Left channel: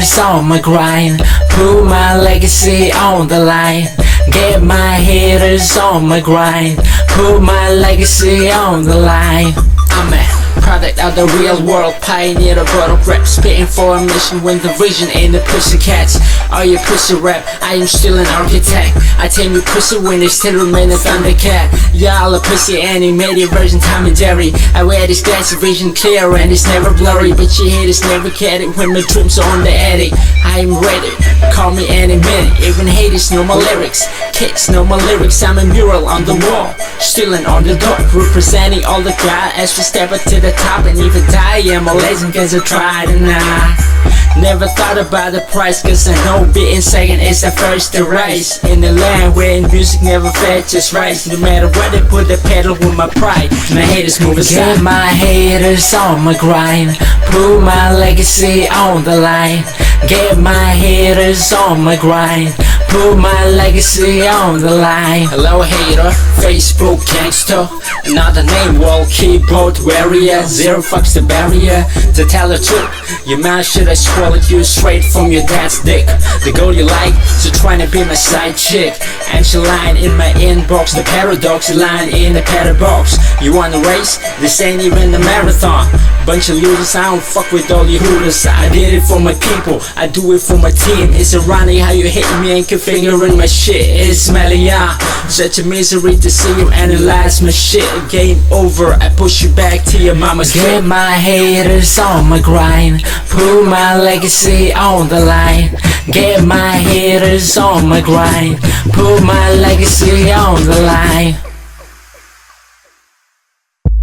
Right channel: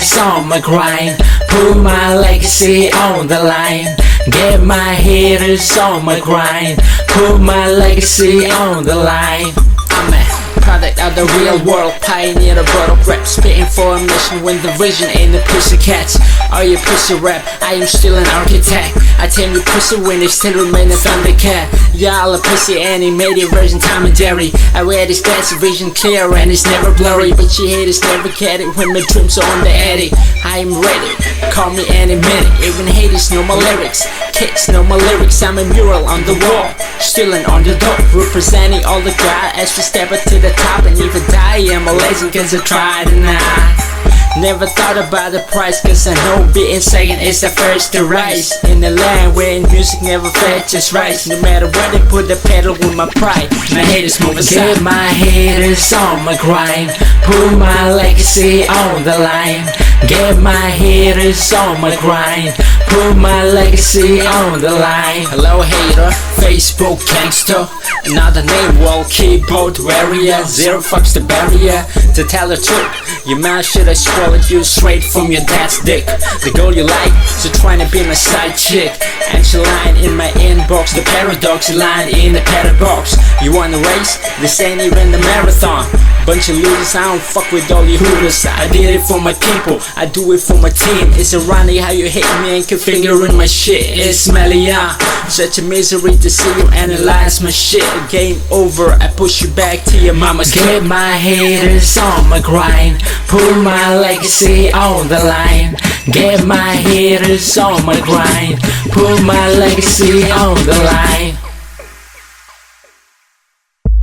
haters on my grind, put my legacy on the line. Get my haters on my grind, put my legacy on the line. I'm a product of the real world, pioneer of Borok rap, spitting for a mission when the vision ain't the pussycats. Are you pussy rap? I am still an architect. I tame you pussy when they still remain a thundercat. Y'all a pussy animated version Tom and Jerry. I wear this glass vision clear and it's never blurry, but you haters never get it when my dreams are on the attic. I am ready, call me any minute. Even haters know my lyrics, kids know my lyrics. I'm a mural on the wall, still an underdog, representing all the guys as we step up to the top and even die. I'm a legend cause I tried and I never thought about the price, cause I know being second is the first to rise. In the land where music never fetches rise, no matter where they put the pedal with my pride. My haters move aside. Get my haters on my grind, put my legacy on the line. Get my haters on my grind, put my legacy on the line. Hello hater, Facebook gangster, another name, wall keyboard warrior. Zero fucks the barrier. To tell the truth, your mouth should have swallowed you straight from your dad's dick. The girl you like, so trying to be my side chick. And she lying in my inbox, the paradox lying in the padded box. You wanna race? This ain't even a marathon. Bunch of losers, I don't fuck with all you hooters. I did it for my people, I do it for my team. It's ironic how you hate me and configuring my shit. It's smelly, yeah. Such a misery to see you analyze my shit. Game over, I push you back to your mama's crib. Get my haters on my grind, put my legacy on the line. Get my haters on my grind, put my legacy on the line.